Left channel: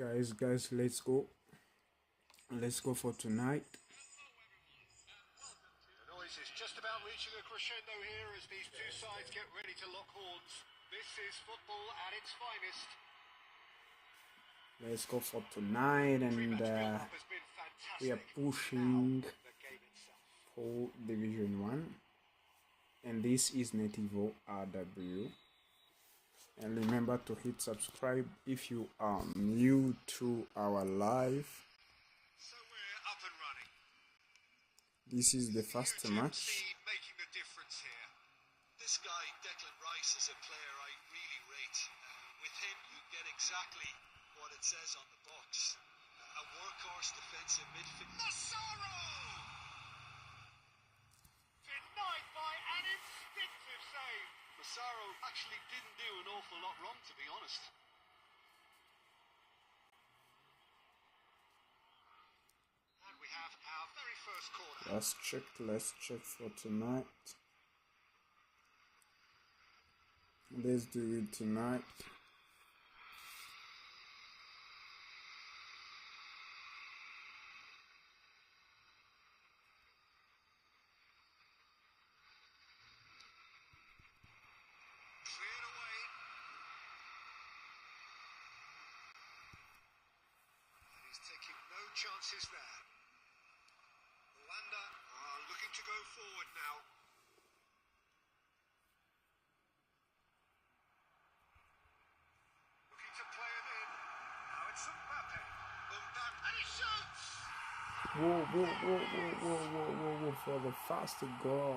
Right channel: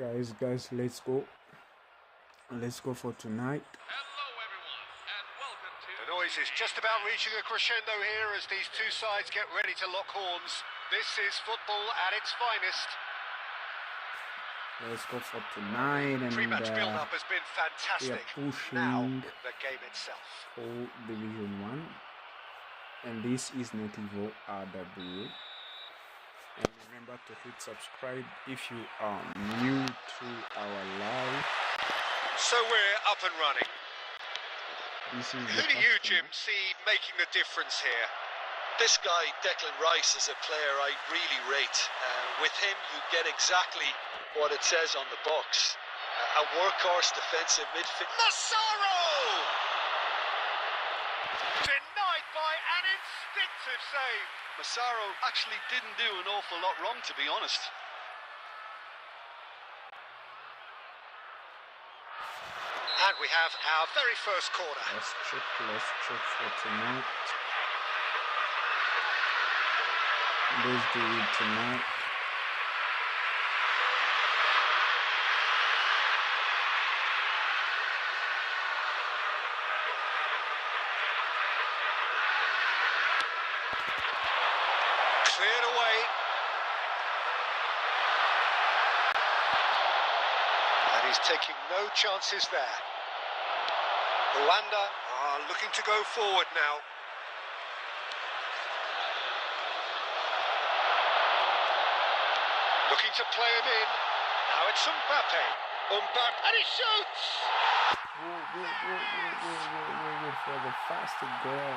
Guys, let's go for tonight. The noise is just about reaching a crescendo here as these two sides get ready to lock horns. This is football at its finest. Let's go for tonight, and Pre-match build-up has been we are fantastic. pushing Now, the game itself. for Division 1, and this is Nativo RW. And remember to hit subscribe if you are new to our live. So we're up and running. This is the Who do you, first Jim, match. see making the difference here? This guy, Declan Rice, is a player I really rate. With him, you get exactly what it says on the box. A workhorse defensive midfield. Massaro! Denied by an instinctive save. Massaro actually didn't do an awful lot wrong, to be honest. And we have our very first corner. Let's check for tonight. Let's do it tonight. Cleared away. And he's taking no chances there. Rwanda are looking to go forward now. Looking to play him in. Now it's Mbappe. Mbappe, and he shoots! Whoa, for the fast goal.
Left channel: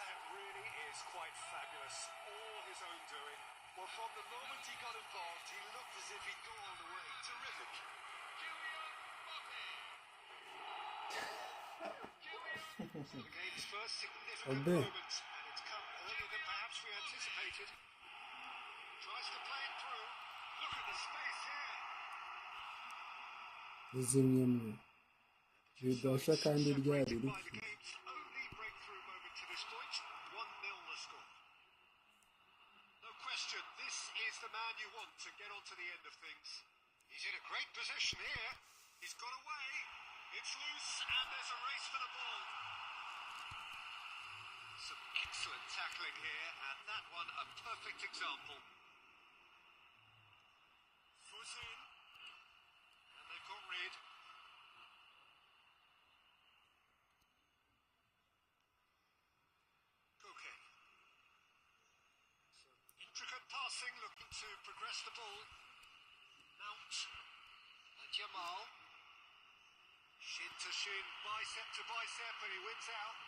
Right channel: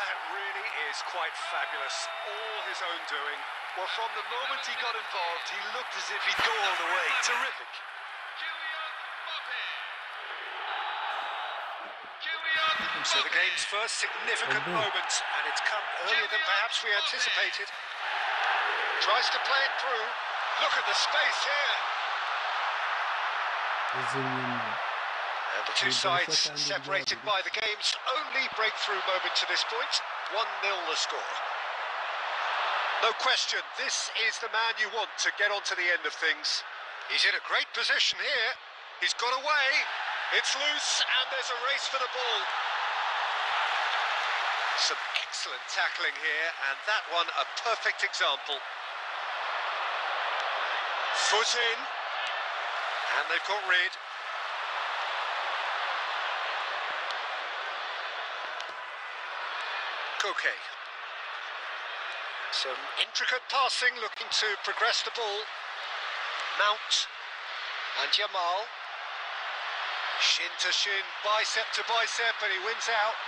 That really is quite fabulous. All his own doing. Well, from the moment he got involved, he looked as if he'd go all the way. Terrific. So the game's first significant moment, and it's come earlier than perhaps we anticipated. Tries to play it through. Look at the space here. And the two sides separated by the game's only breakthrough moment to this point. 1-0 the score. No question, this is the man you want to get on to the end of things. He's in a great position here. He's got away. It's loose, and there's a race for the ball. Some excellent tackling here, and that one a perfect example. Foot in, and they've got rid. Koke. Some intricate passing, looking to progress the ball. Mount and Jamal. Shin to shin, bicep to bicep, and he wins out.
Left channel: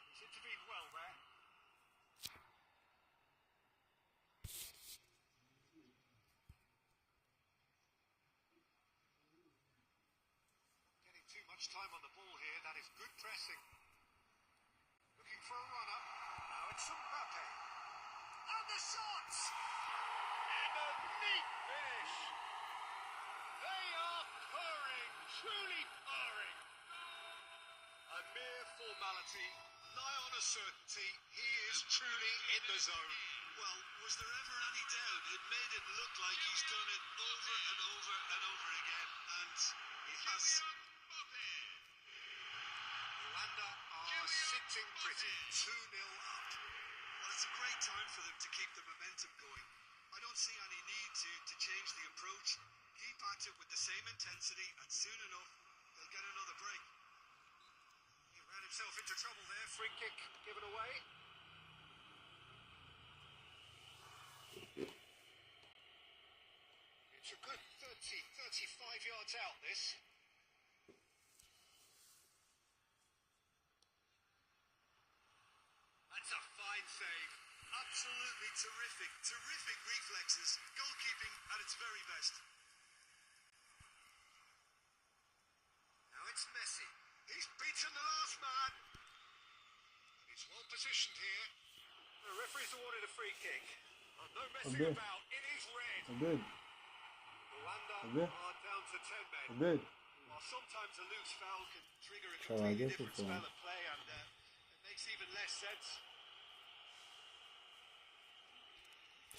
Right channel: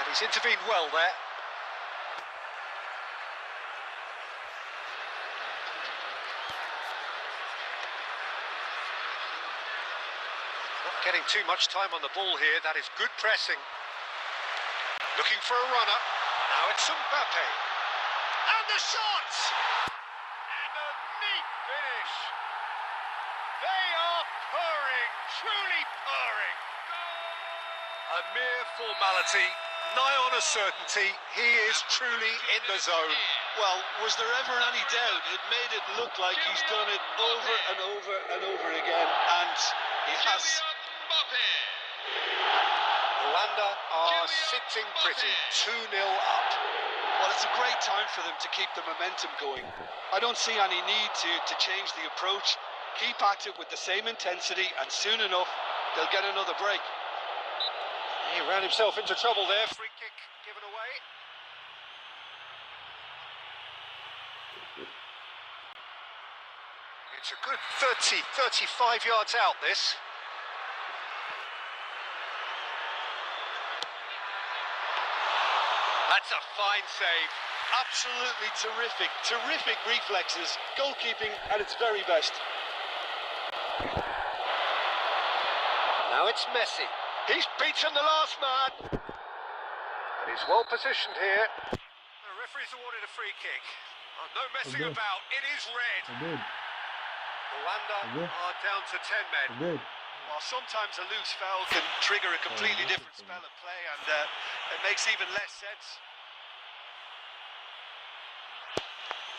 And he's intervened well there. Not getting too much time on the ball here. That is good pressing. Looking for a runner. Now it's Mbappe. And the shot! And a neat finish. They are purring, truly purring. A mere formality, nigh on a certainty. He is truly in the zone. Well, was there ever any doubt? It made it look like he's done it over and over and over again, and he has. Rwanda are sitting pretty, 2-0 up. Well, it's a great time for them to keep the momentum going. I don't see any need to change the approach. Keep at it with the same intensity, and soon enough, they'll get another break. He ran himself into trouble there. Free kick given away. It's a good 35 yards out, this. That's a fine save. Absolutely terrific, terrific reflexes, goalkeeping at its very best. Now it's Messi. He's beaten the last man. And he's well positioned here. The referee's awarded a free kick. Oh, no messing about. It is red. Rwanda are down to 10 men. While sometimes a loose foul can trigger a completely different spell of play, and it makes even less sense.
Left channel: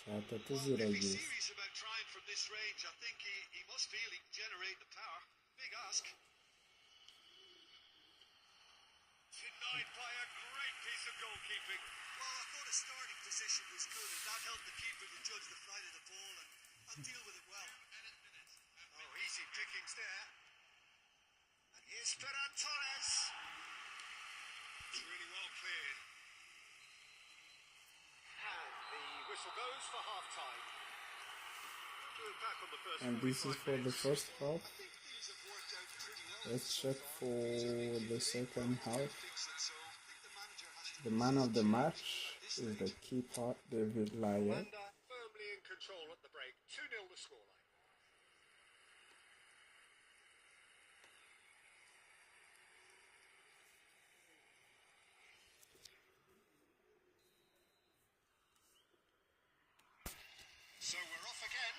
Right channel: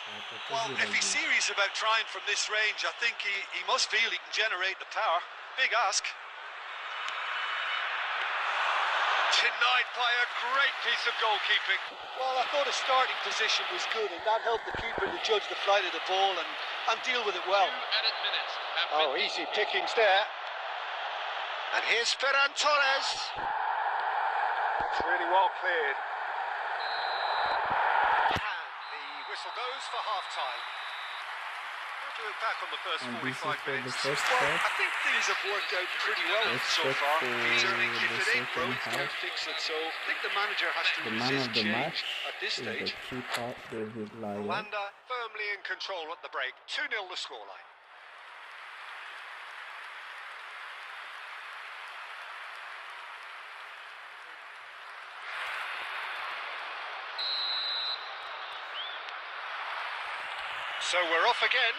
Well, if he's serious about trying from this range, I think he must feel he can generate the power. Big ask. Denied by a great piece of goalkeeping. Well, I thought his starting position was good, and that helped the keeper to judge the flight of the ball and deal with it well. Oh, easy pickings there. And here's Ferran Torres. It's really well cleared. And the whistle goes for half-time. We'll do it back on the first And this is 45 for the minutes. first Well, half. I think things have worked out pretty well Let's so check far. for Peter, the if it ain't second broke, half. don't fix it. So I think the manager has to The man resist of the change match at this is the stage. keeper, David Lyle. Wanda firmly in control at the break. 2-0 the scoreline. So we're off again.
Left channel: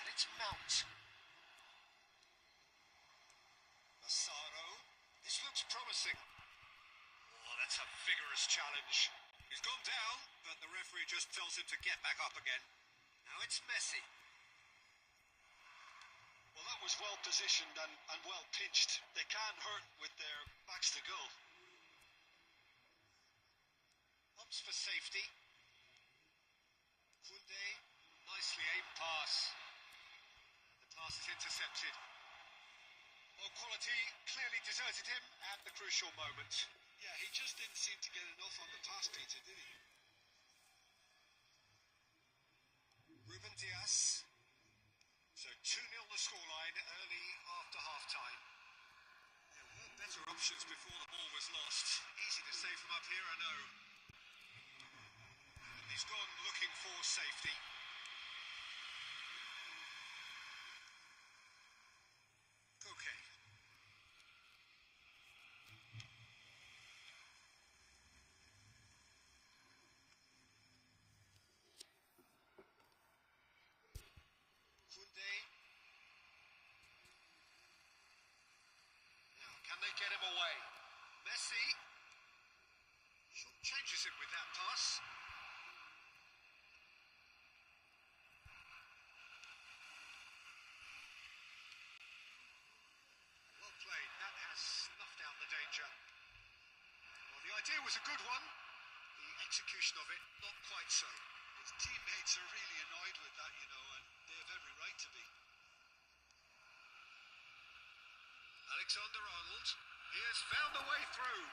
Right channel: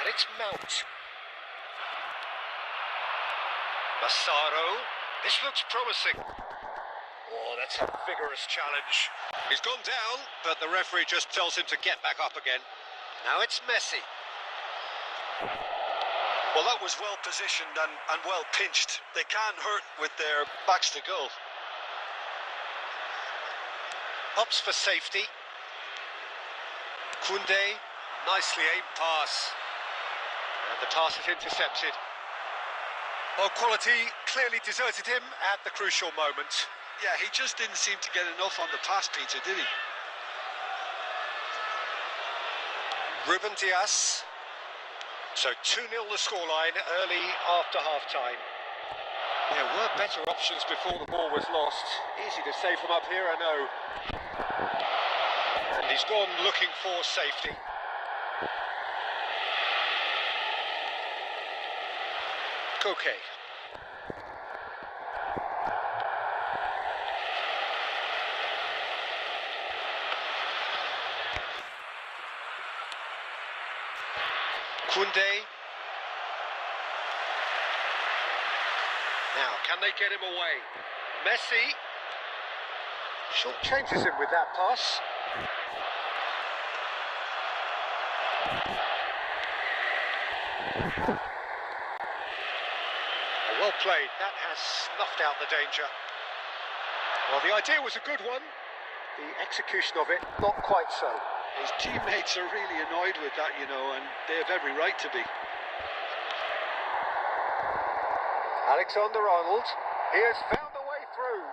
And it's Mount. Massaro. This looks promising. Oh, that's a vigorous challenge. He's gone down, but the referee just tells him to get back up again. Now it's Messi. Well, that was well positioned and well pinched. They can't hurt with their backs to goal. Hops for safety. Koundé, nicely aimed pass. And the pass is intercepted. Well, quality clearly deserted him at the crucial moment. Yeah, he just didn't seem to get enough on the pass, Peter, did he? Ruben Dias. So 2-0 the scoreline early after half-time. There were better options before the ball was lost. Easy to say from up here, I know. And he's gone looking for safety. Koke. Koundé. Now, can they get him away? Messi. Short changes him with that pass. Well played. That has snuffed out the danger. Well, the idea was a good one. The execution of it, not quite so. His teammates are really annoyed with that, you know, and they have every right to be. Alexander-Arnold. He has found a way through.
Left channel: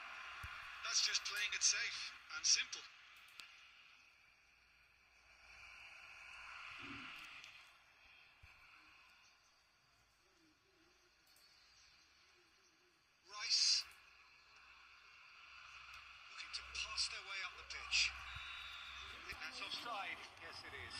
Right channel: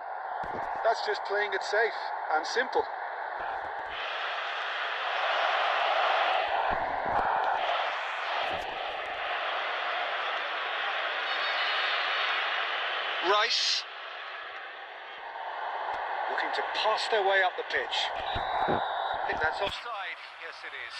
That's just playing it safe and simple. Rice. Looking to pass their way up the pitch. I think that's offside. Yes, it is.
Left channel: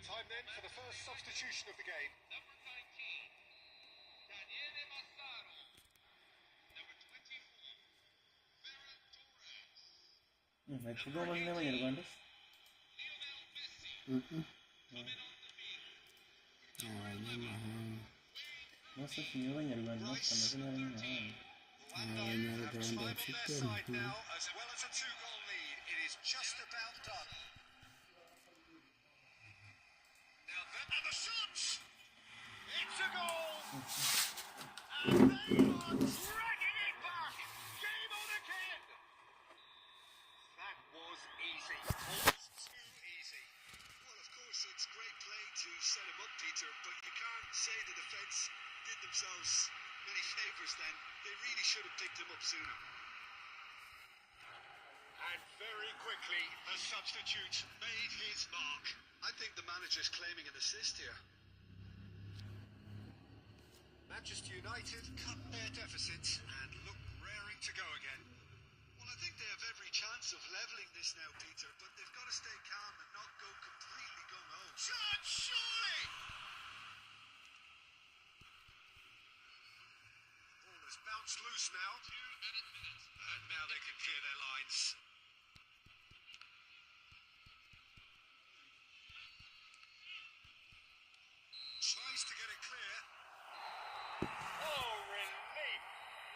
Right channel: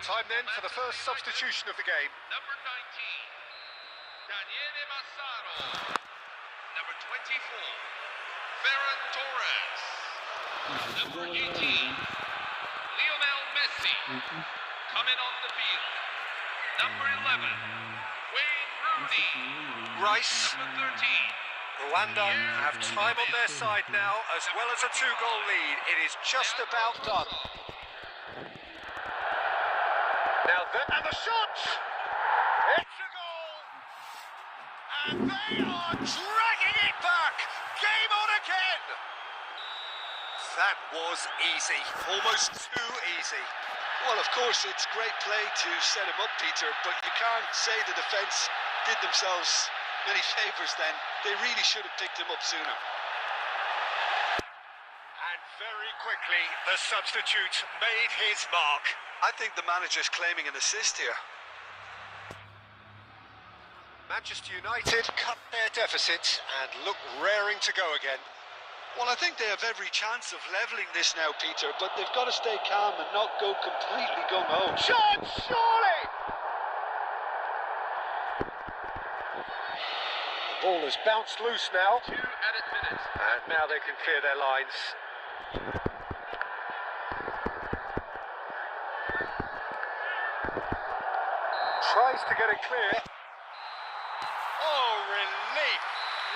Time then for the first substitution of the game. Number 19, Daniele Massaro. Number 24, Ferran Torres. Number 18, Lionel Messi. Coming on the field. Number 11, Wayne Rooney. Rice. Number 13, Rwanda have time on their side now, as well as a 2-goal lead. It is just about done. Now, and the shot! It's a goal! And they are dragging it back! Game on again! That was easy. Almost too easy. Well, of course, it's great play to set him up, Peter, but you can't say the defence did themselves many favours then. They really should have picked him up sooner. And very quickly, the substitute made his mark. I think the manager's claiming an assist here. Manchester United cut their deficit and look raring to go again. Well, I think they have every chance of levelling this now, Peter, but they've got to stay calm and not go completely gung-ho. Shot, surely! The ball has bounced loose now. 2 added minutes. And now they can clear their lines. Tries to get it clear. Oh, relief!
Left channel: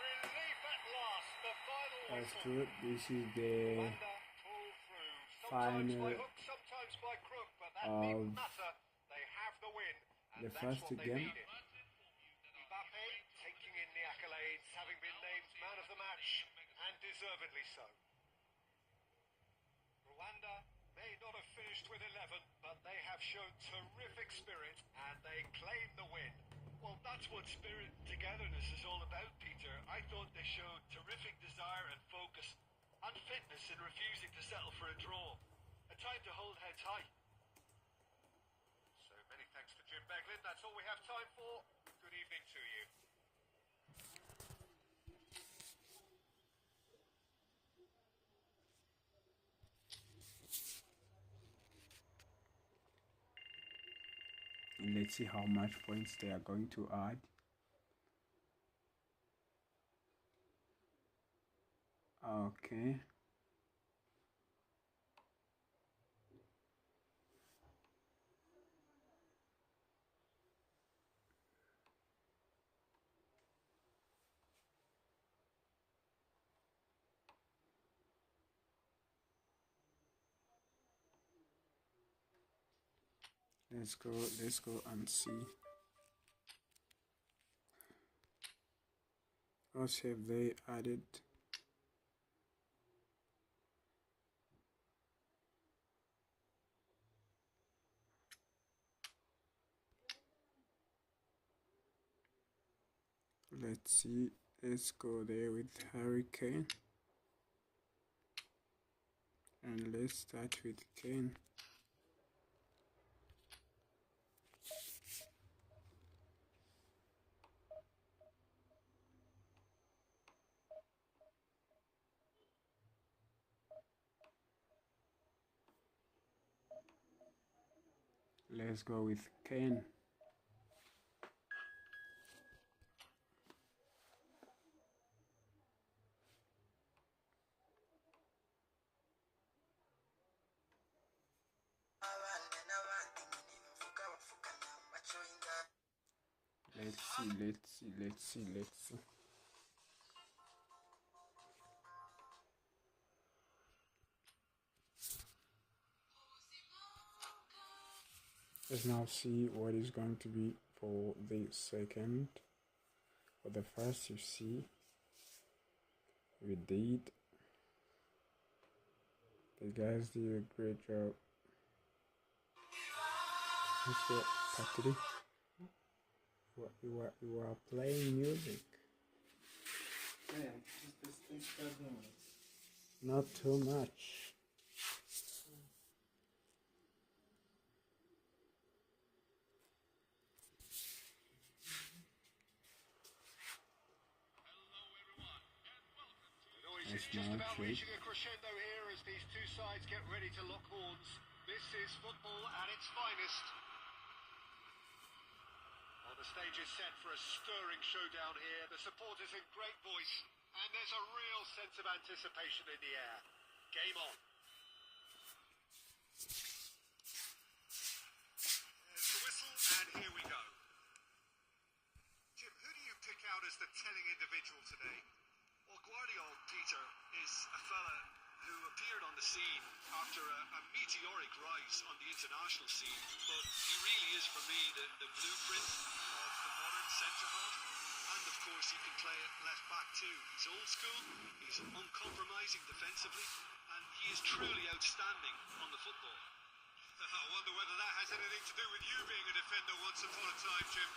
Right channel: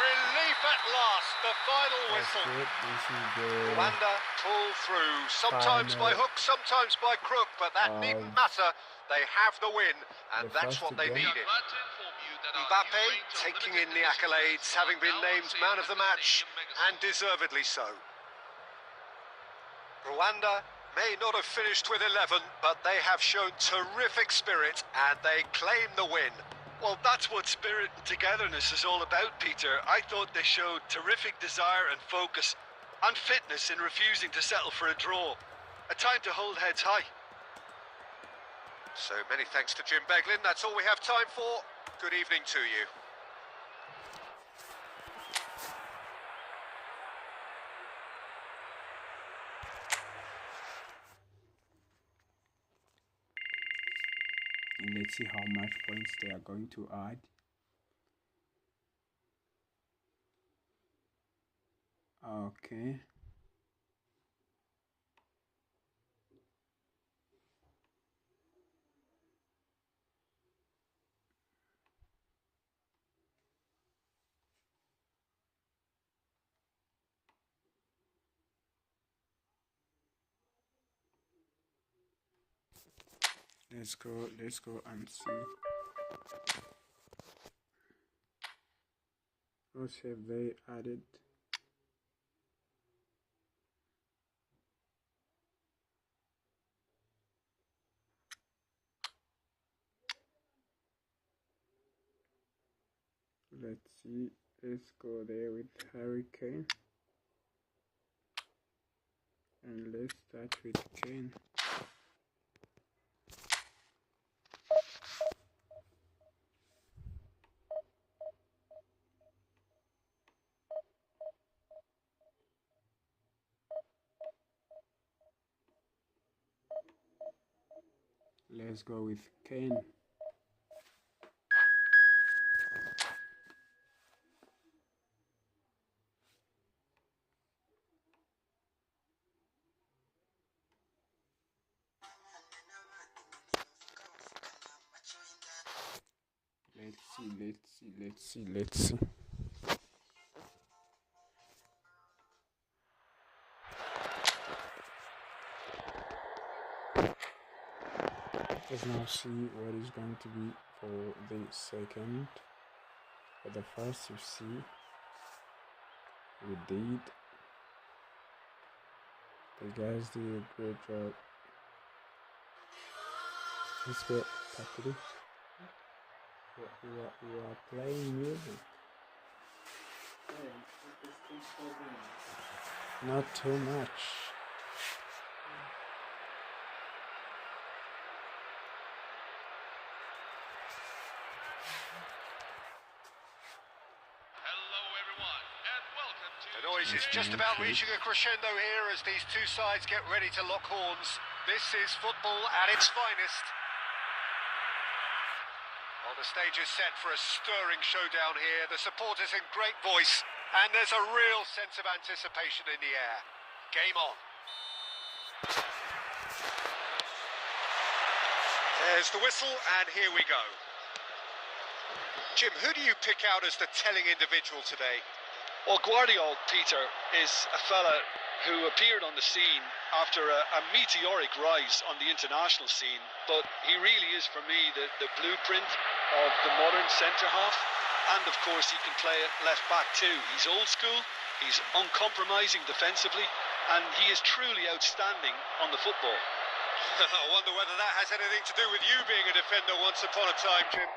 Relief at last. The final That's whistle. good. This is the Rwanda pull through. Sometimes by final, hook, sometimes by crook, but that needn't matter. They have the win, and the that's first what they game. needed. Glad to inform you that our Mbappe new range of taking limited in the edition accolades, tickets having are been now named on man sale of the at match, Stadium Megastore. and deservedly so. Rwanda may not have finished with 11, but they have shown terrific spirit, and they claim the win. Well, that's what spirit and togetherness is all about, Peter. I thought they showed terrific desire and focus and fitness in refusing to settle for a draw. A time to hold heads high. So many thanks to Jim Beglin. That's all we have time for. Good evening to you. And let's see how much points they are going to add. Okay. Let's go and see. What have they added? Let's see. Let's go there with Hurricane. And let's start with Kane. Let's go with Kane. Let's see. Let's now see what is going to be for the second. For the first, you see, we did. The guys did a great job. Let's go part 3. We are playing music. Not too much. Hello everyone, and welcome to The noise is Yes, just man, about please. reaching a crescendo here as these two sides get ready to lock horns. This is football at its finest. Well, the stage is set for a stirring showdown here. The supporters in great voice, and there's a real sense of anticipation in the air. Game on. There's the whistle, and here we go. Jim, who do you pick out as the telling individual today? Well, Guardiola, Peter, is a fella who appeared on the scene after a meteoric rise on the international scene, but he really is, for me, the blueprint of the modern centre-half, and of course he can play at left-back too. He's old school, he's uncompromising defensively, and he is truly outstanding on the football. I wonder whether that has anything to do with you being a defender once upon a time, Jim.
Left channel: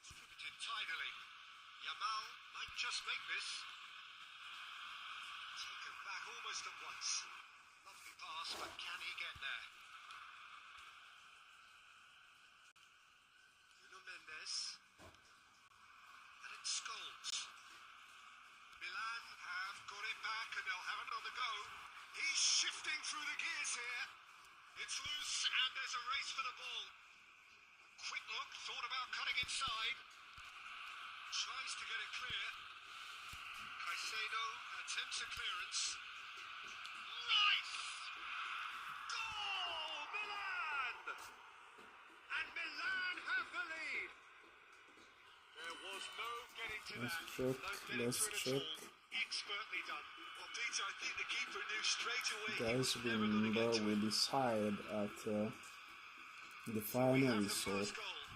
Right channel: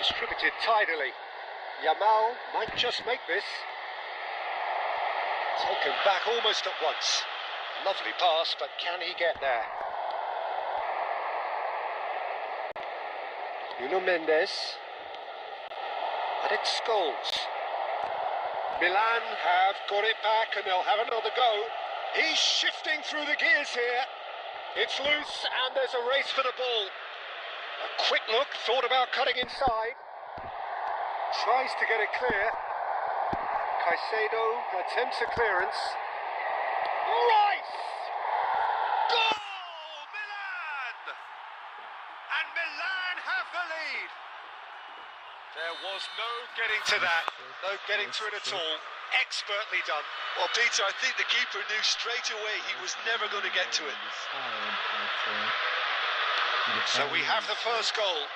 Distributed tidily. Yamal might just make this. Taken back almost at once. Lovely pass, but can he get there? Nuno Mendes. And it's Scholes. Milan have got it back and they'll have another go. He's shifting through the gears here. It's loose and there's a race for the ball. A quick look, thought about cutting inside. Tries to get it clear. Caicedo attempts a clearance. Rice! Goal! Milan! And Milan have the lead. There was no getting to that. No getting to it at all. Expertly done. Well, Peter, I think the keeper knew straight away he was never going to get to it. So we have the first goal.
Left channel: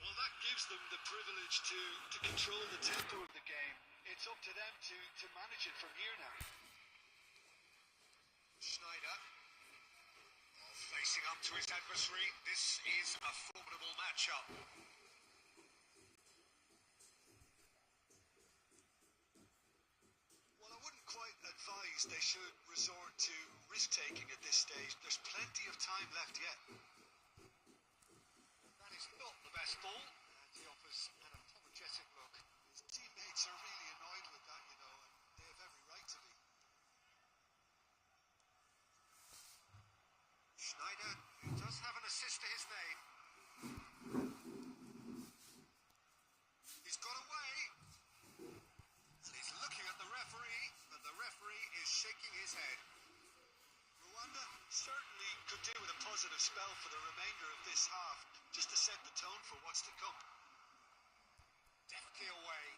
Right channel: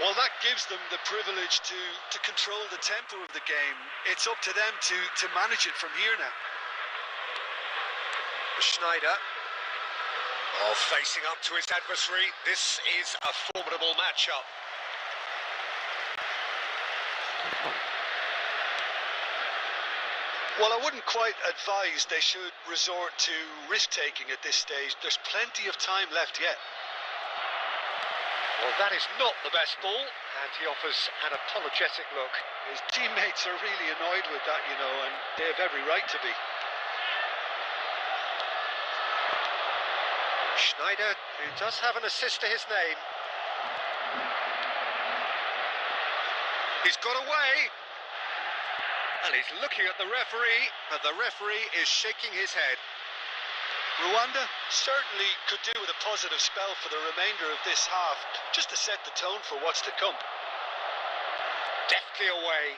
Well, that gives them the privilege to control the tempo of the game. It's up to them to manage it from here now. Schneider. Oh, facing up to his adversary. This is a formidable matchup. Well, I wouldn't quite advise they should resort to risk-taking at this stage. There's plenty of time left yet. Well, that is not the best ball, and he offers an apologetic look. His teammates are really annoyed with that, you know, and they have every right to be. Schneider, who does have an assist to his name. He's got away. And he's looking at the referee, but the referee is shaking his head. Rwanda certainly could do with a positive spell for the remainder of this half, just to set the tone for what's to come. Deftly away.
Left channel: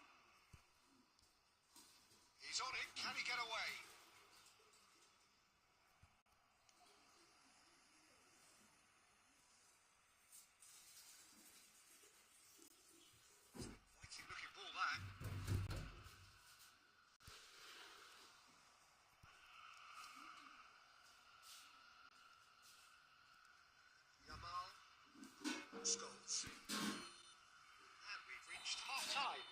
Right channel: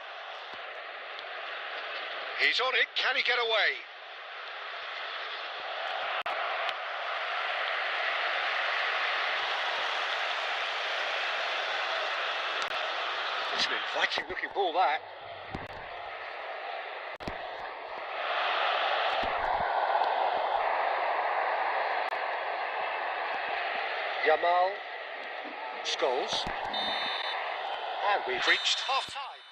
He's on it. Can he get away? It's an inviting looking ball, that. Yamal, Scholes, and we've reached half-time.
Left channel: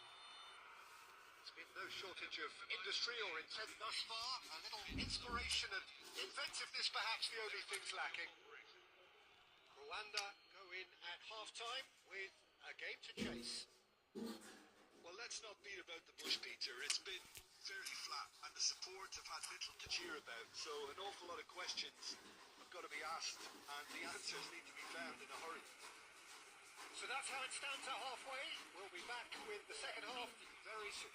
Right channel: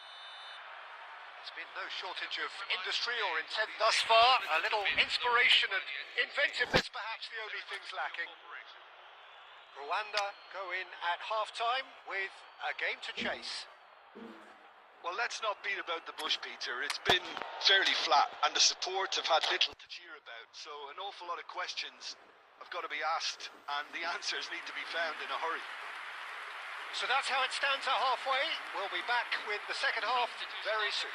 There's been no shortage of industry or intent thus far. A little inspiration and inventiveness, perhaps the only things lacking. Rwanda go in at half-time with a game to chase. Well, let's not beat about the bush, Peter. It's been fairly flat, and the support have had little to cheer about. So an awful lot of questions have got to be asked, and the answers need to be found in a hurry. So that's how it stands at halfway. We'll be back with the second half very soon.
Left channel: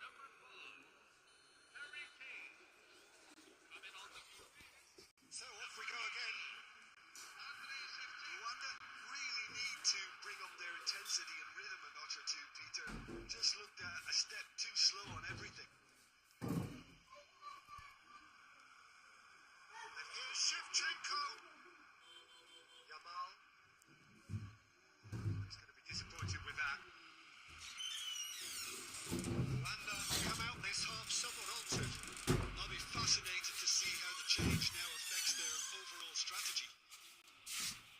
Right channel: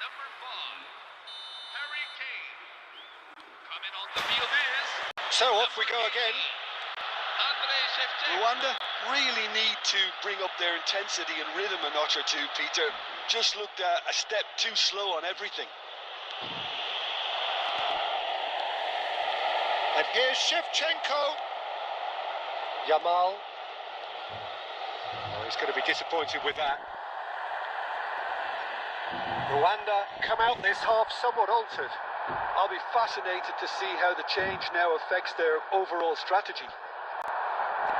Number 5, Harry Kane. Coming on the field is... So off we go again. Rwanda really need to bring up their intensity and rhythm a notch or two, Peter. Just looked a step too slow on everything. And here's Shevchenko. Yamal. Oh, he's going to be disappointed with that. Rwanda come out this half somewhat altered. I'll be fascinated to see how the change now affects their overall strategy.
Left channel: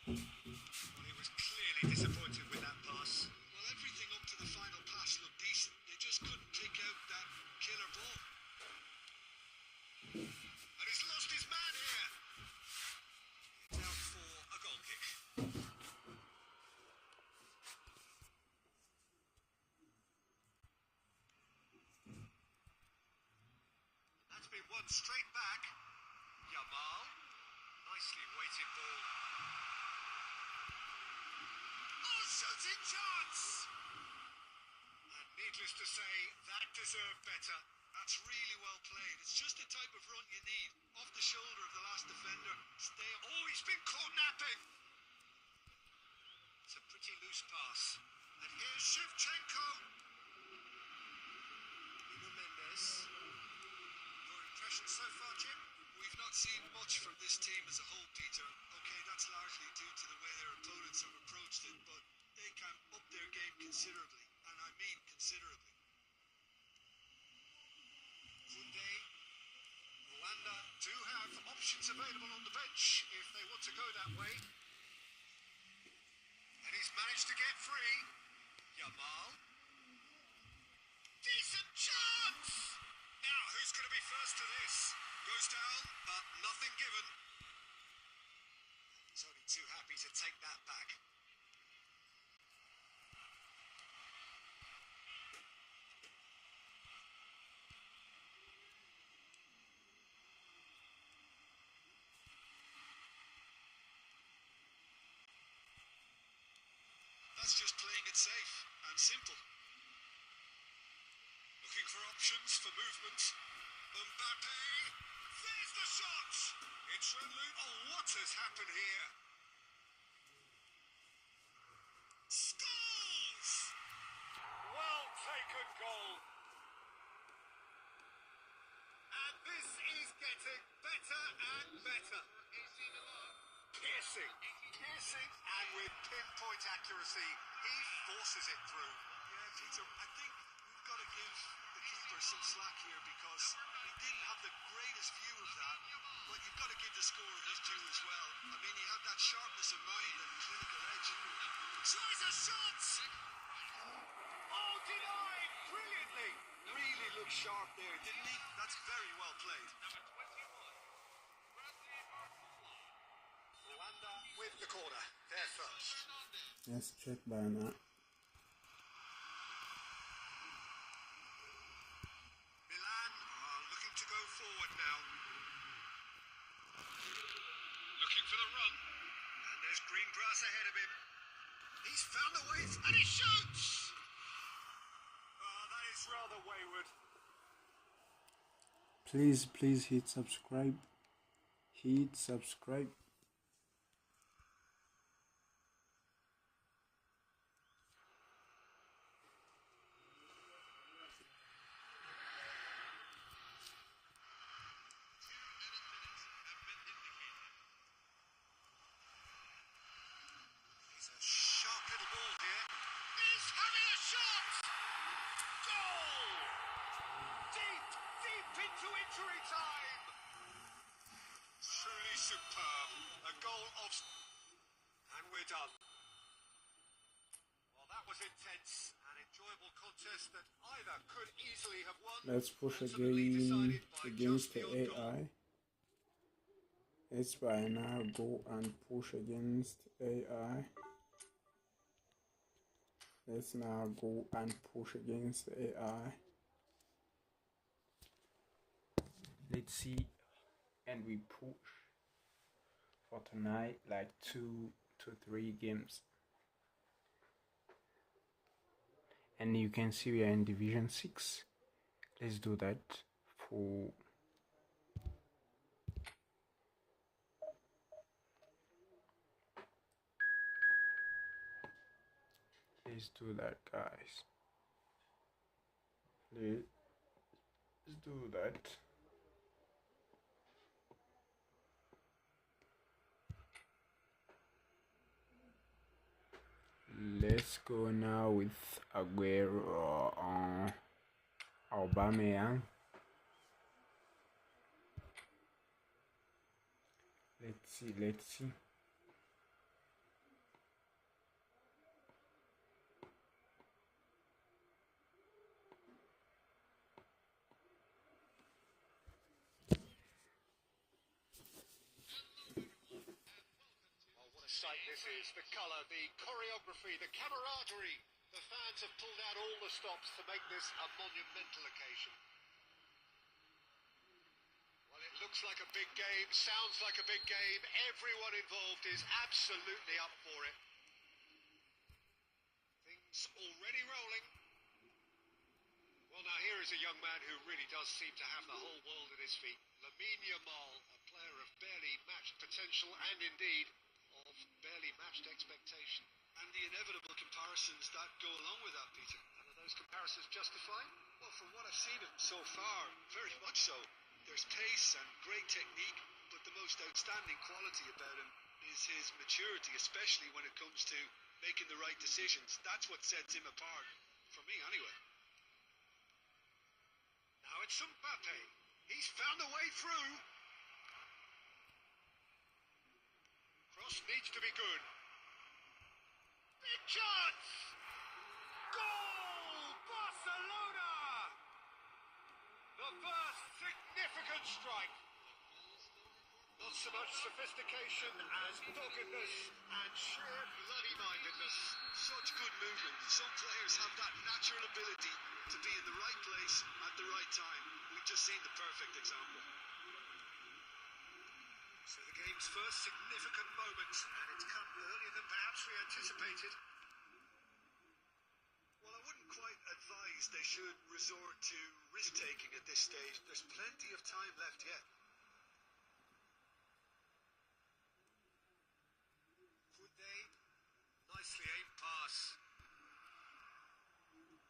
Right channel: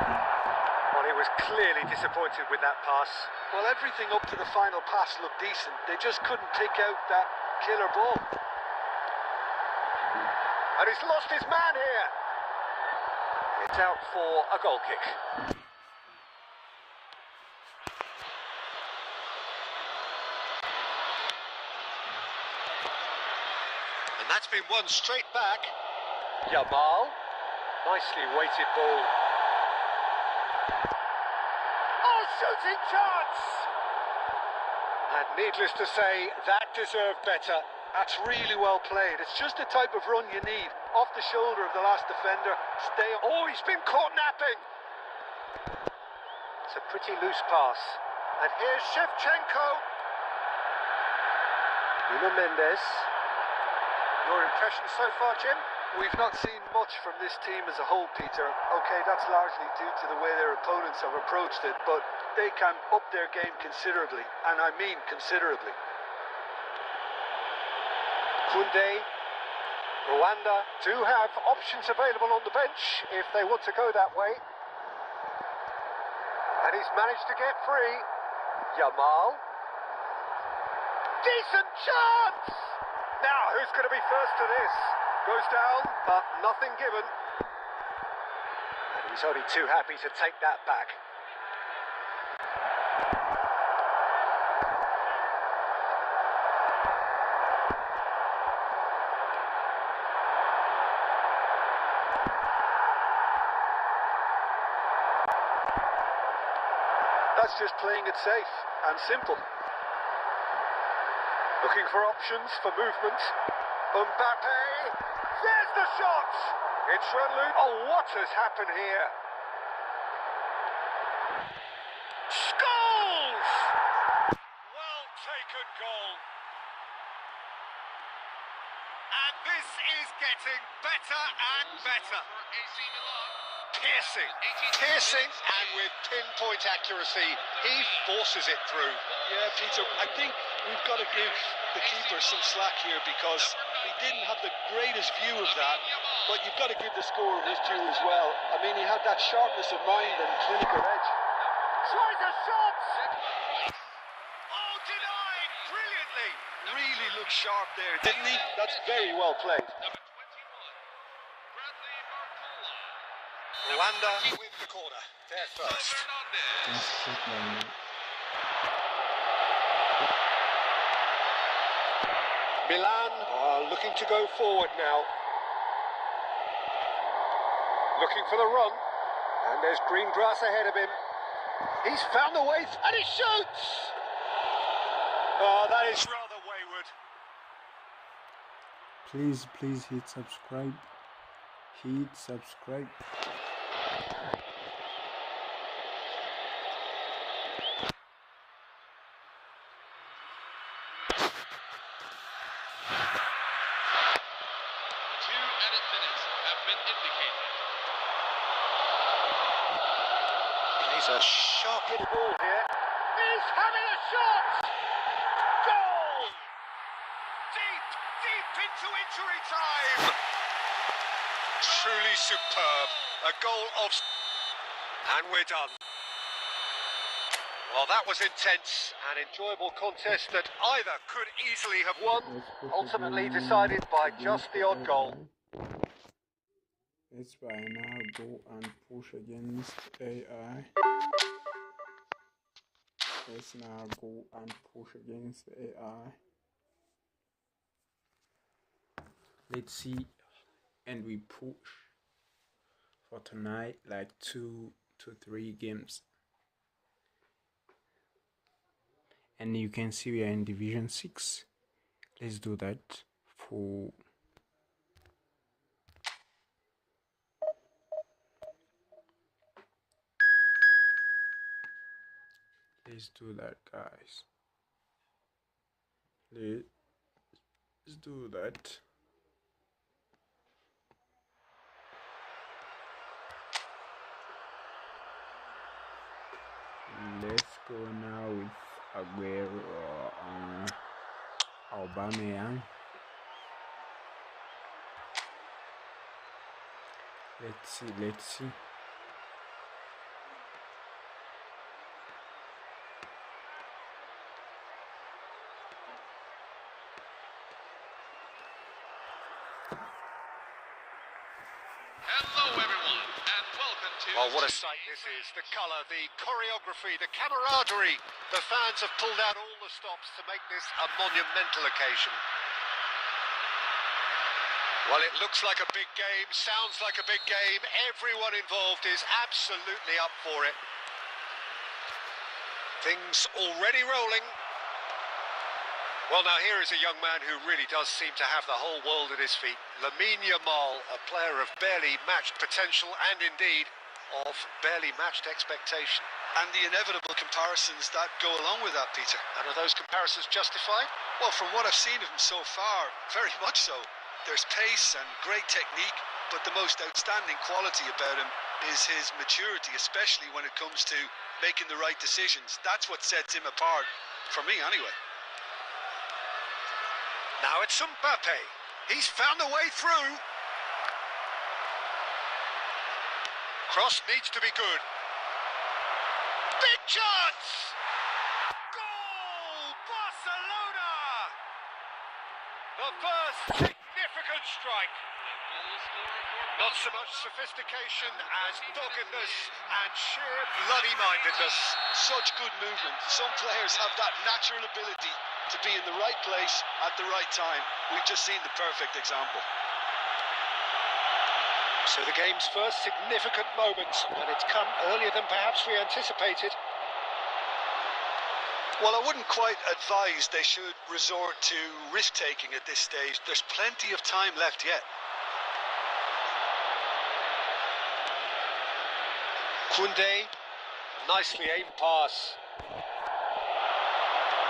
Well, he was clearly disappointed with that pass. Well, everything up to the final pass looked decent. They just couldn't pick out that killer ball. And he's lost his man here. It's out for a goal kick. And that's been won straight back. Yamal. Nicely weighted ball. Oh, shooting chance! And needless to say, that deserved better. That's really well played. It's just the type of run you need. Off the shoulder of the last defender. Stay on. Oh, he's been caught napping. It's a pretty loose pass. And here's Shevchenko. Nuno Mendes. Your impression so far, Jim? We've not seen much from this team as a whole, Peter. Okay, that's largely due to the way their opponents have approached it, but they can up their game considerably, and I mean considerably. Kunde, Rwanda do have options available on the bench if they want to go that way. And he's managed to get free. Yamal. Decent chance! Now, who's going to be first to this? Goes down, but nothing given. And he's only too happy to take that back. That's just playing it safe and simple. Looking for options for movement. Mbappe, there's the shot! It's run loose. Oh, what has happened here? Scores! Well taken goal. And this is getting better and better. AC Milan. Piercing, and with pinpoint accuracy, he forces it through. Yeah, Peter, I think we've got to give the keeper some slack here because he didn't have the greatest view of that, but you've got to give the scorer his due as well. I mean, he had that sharpness of mind and clinical edge. Tries a shot! Oh, denied brilliantly! Really looked sharp there, didn't he? That's very well played. Number 21. Bradley Barcola. Rwanda with the corner. They're first. Fernandez. Let's check by now. Milan are looking to go forward now. Looking for the run. And there's green grass ahead of him. He's found the way and he shoots! Oh, that is rather wayward. Please hit subscribe. Hit subscribe. He's a sharp little ball here. He's having a shot! Goal! Deep into injury time! Truly superb. A goal of... And we're done. Well, that was intense. An enjoyable contest that either could easily have won. Let's push Ultimately again decided by against just the odd goal. AI. Let's by now go and push against AI. Let's now go and push against AI. Let's see, and we push for tonight like 2 to 3 games. And you can see we are in Division 6. Let's do that for... Let's do that, guys. Let's do that. Let's go now with Aguero on Aubameyang. Let's see. Hello, everyone, and welcome to... Oh, what a sight this is. The colour, the choreography, the camaraderie. The fans have pulled out all the stops to make this a monumental occasion. Well, it looks like a big game, sounds like a big game. Everyone involved is absolutely up for it. Things already rolling. Well, now here is a young man who really does seem to have the whole world at his feet. Lamine Yamal, a player of barely matched potential and indeed of barely matched expectation. And the inevitable comparisons that go along with that, Peter. And are those comparisons justified? Well, from what I've seen of him so far, very much so. There's pace and great technique, but the most outstanding quality about him is his maturity, especially when it comes to making the right decisions. That's what sets him apart, for me anyway. Now it's Mbappe. He's found a way through. Cross needs to be good. Big chance! Goal! Barcelona! The first Significant strike. Not so much sophistication as doggedness and sheer bloody-mindedness. Such good movement. Some players have that natural ability to be in the right place at the right time. We've just seen the perfect example. So the game's first significant moment, and it's come earlier than perhaps we anticipated. Well, I wouldn't quite advise they should resort to risk-taking at this stage. There's plenty of time left yet. Koundé, nicely aimed pass.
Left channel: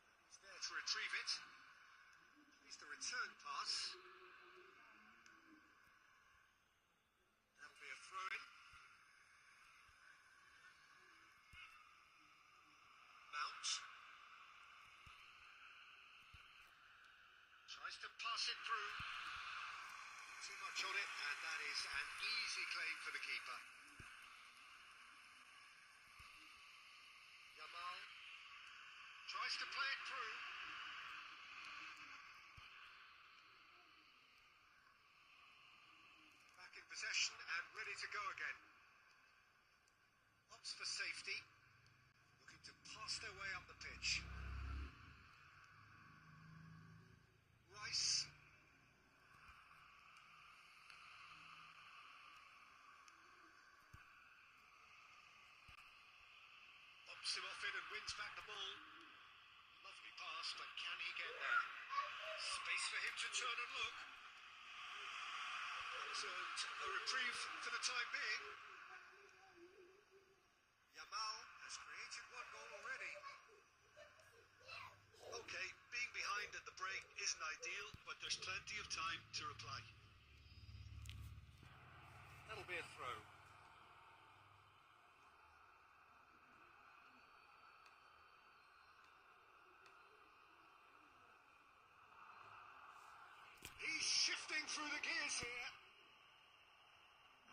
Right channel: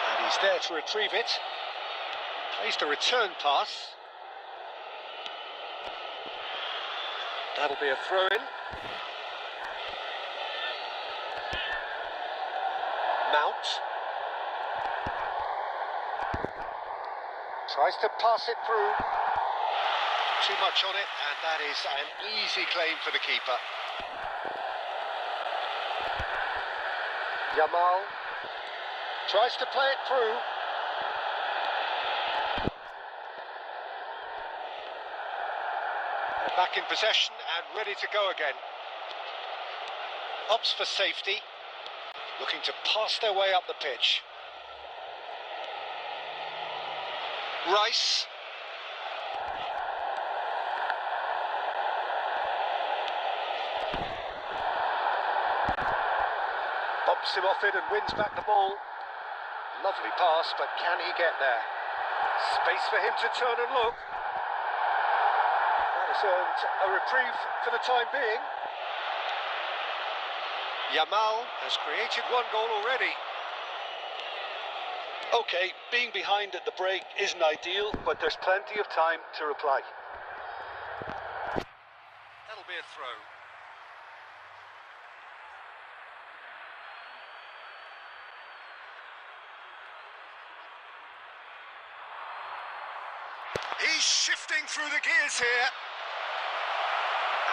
And he's there to retrieve it. Plays the return pass. That'll be a throw-in. Mount. Tries to pass it through. Too much on it, and that is an easy claim for the keeper. Yamal tries to play it through. They're back in possession and ready to go again. Opts for safety, looking to pass their way up the pitch. Rice. Bumps him off it and wins back the ball. Lovely pass, but can he get there? Space for him to turn and look. That has earned a reprieve for the time being. Yamal has created one goal already. Okay, being behind at the break isn't ideal, but there's plenty of time to reply. That'll be a throw. He's shifting through the gears here.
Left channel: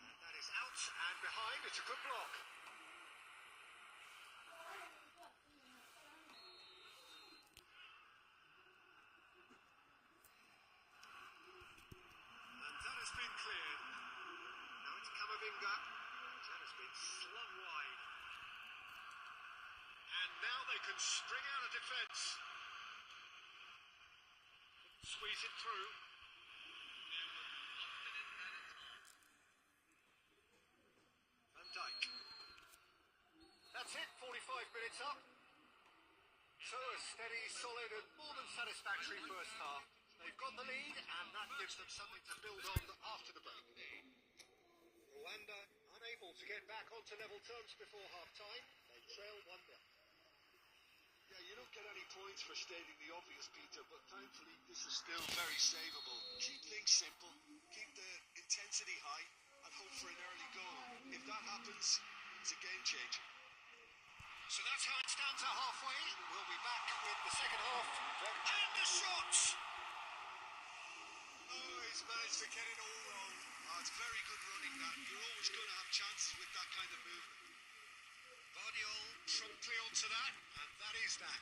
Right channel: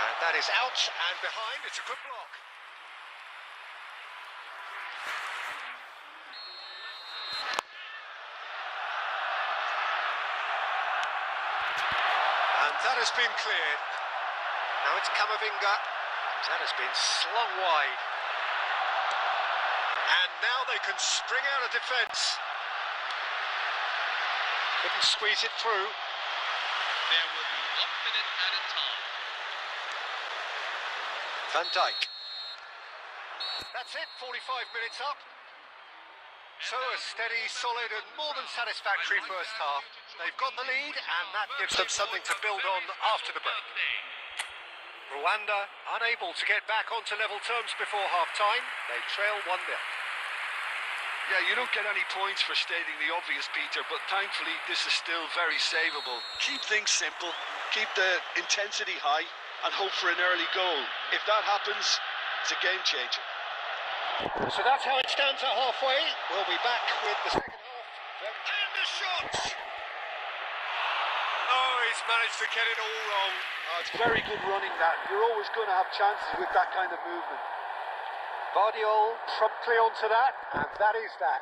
And that is out and behind. It's a good block. And that has been cleared. Now it's Camavinga. That has been slung wide. And now they can spring out of defence. Couldn't squeeze it through. There will be 1 minute at a time. Van Dijk. That's it, 45 minutes up. So a steady, solid and more than satisfactory first half. They've got the lead and that gives them something to build on after the break. Rwanda unable to get back onto level terms before half-time. They trail 1-0. Yeah, you don't get any points for stating the obvious, Peter, but thankfully this is still very savable. Keep things simple, keep the intensity high, and hope for an early goal. If that happens, it's a game changer. So that's how it stands at halfway. We'll be back with the second half. And the shots! Oh, he's managed to get it all wrong. Oh, it's very good running that. You're always going to have chances with that kind of movement. Bardiol promptly onto that, and that is that.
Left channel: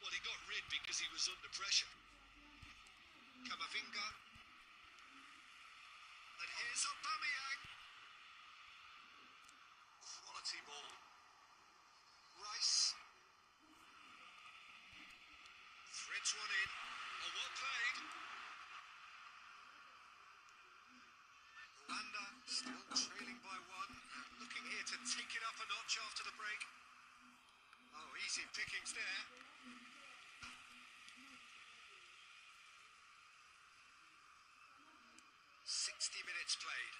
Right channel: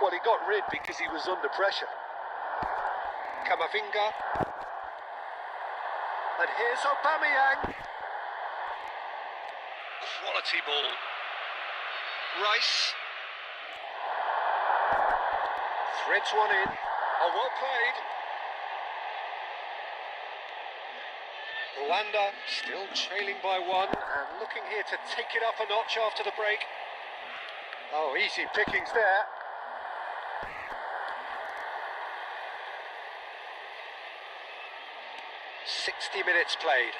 Well, he got rid because he was under pressure. Camavinga. And here's Aubameyang. Quality ball. Rice. Threads one in. Oh, well played. Rwanda still trailing by 1 and looking here to take it up a notch after the break. Oh, easy pickings there. "60 minutes played.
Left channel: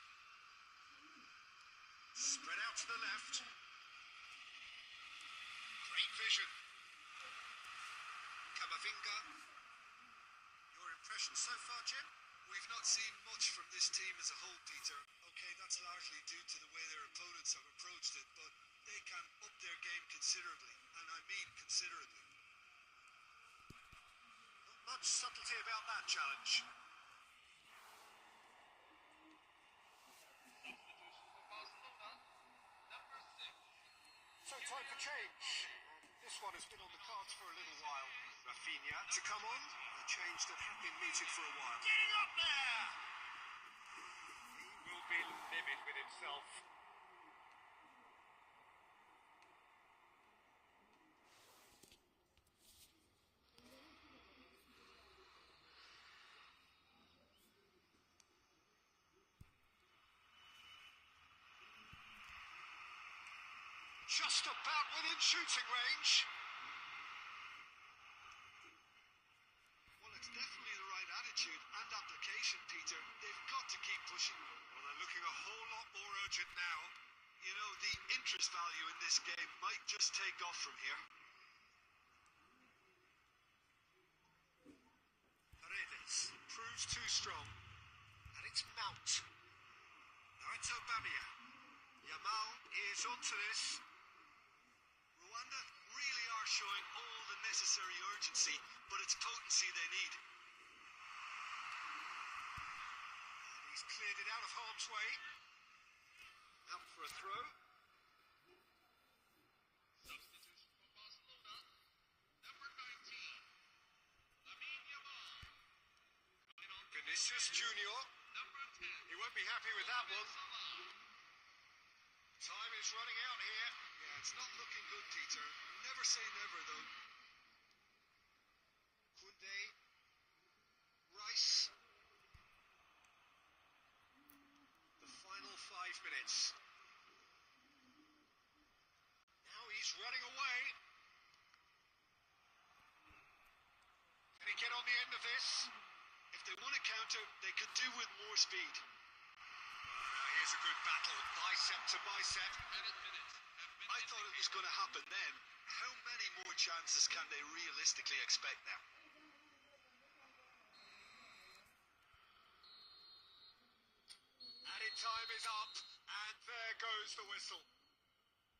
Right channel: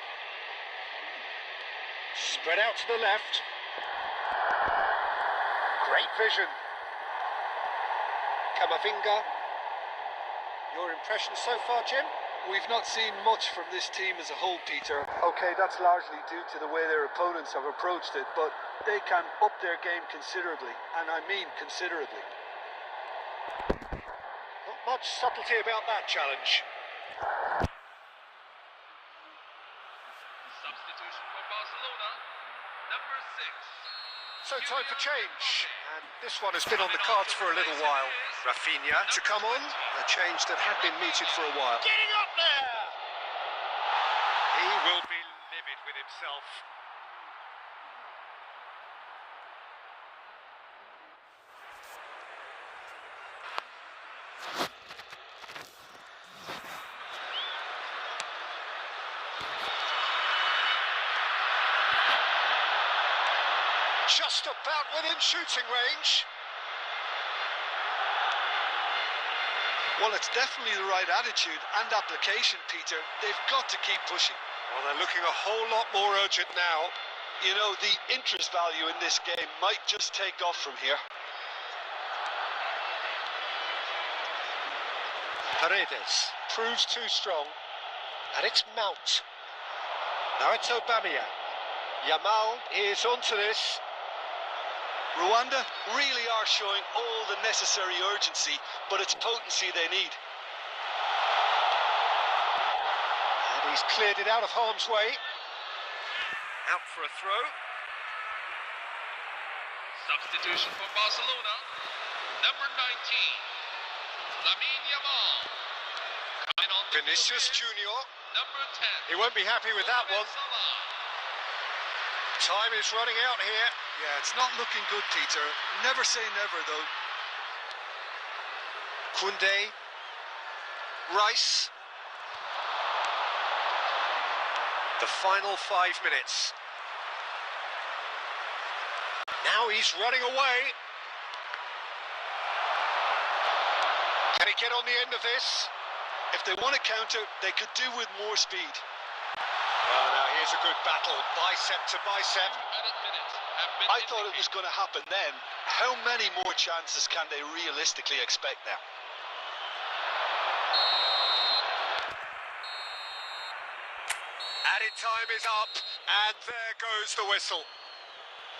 Spread out to the left. Great vision. Camavinga. Your impression so far, Jim? We've not seen much from this team as a whole, Peter. Okay, that's largely due to the way their opponents have approached it, but they can up their game considerably, and I mean considerably. Not much subtlety about that challenge. Substitution for Barcelona, number 6. So time for change, and this one has been on the cards for a little while. Rafinha to come on, a change that had been mooted for a while. Getting up there! He will be livid with himself. Just about within shooting range. Well, it's definitely the right attitude and application, Peter. They've got to keep pushing. Well, they're looking a whole lot more urgent now. You know, the interest value in this game might just take off from here. Paredes proves too strong, and it's Mount. Now it's Aubameyang. Yamal is onto this. Rwanda really are showing all the necessary urgency, but it's potency they need. And he's cleared it out of harm's way. Out for a throw. Substitution for Barcelona. Number 19, Lamine Yamal. Coming on the Vinicius field is Junior. number 10. He won't be happy with that one. Time is running out here. Yeah, it's not looking good, Peter. Never say never, though. Koundé. Rice. The final 5 minutes. Now he's running away. Can he get on the end of this? If they want to counter, they could do with more speed. Well, now here's a good battle, bicep to bicep. I thought it was going to happen then. How many more chances can they realistically expect now? Added time is up, and there goes the whistle.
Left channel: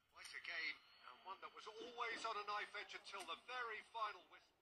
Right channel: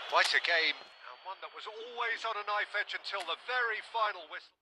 Quite a game, and one that was always on a knife edge until the very final whistle.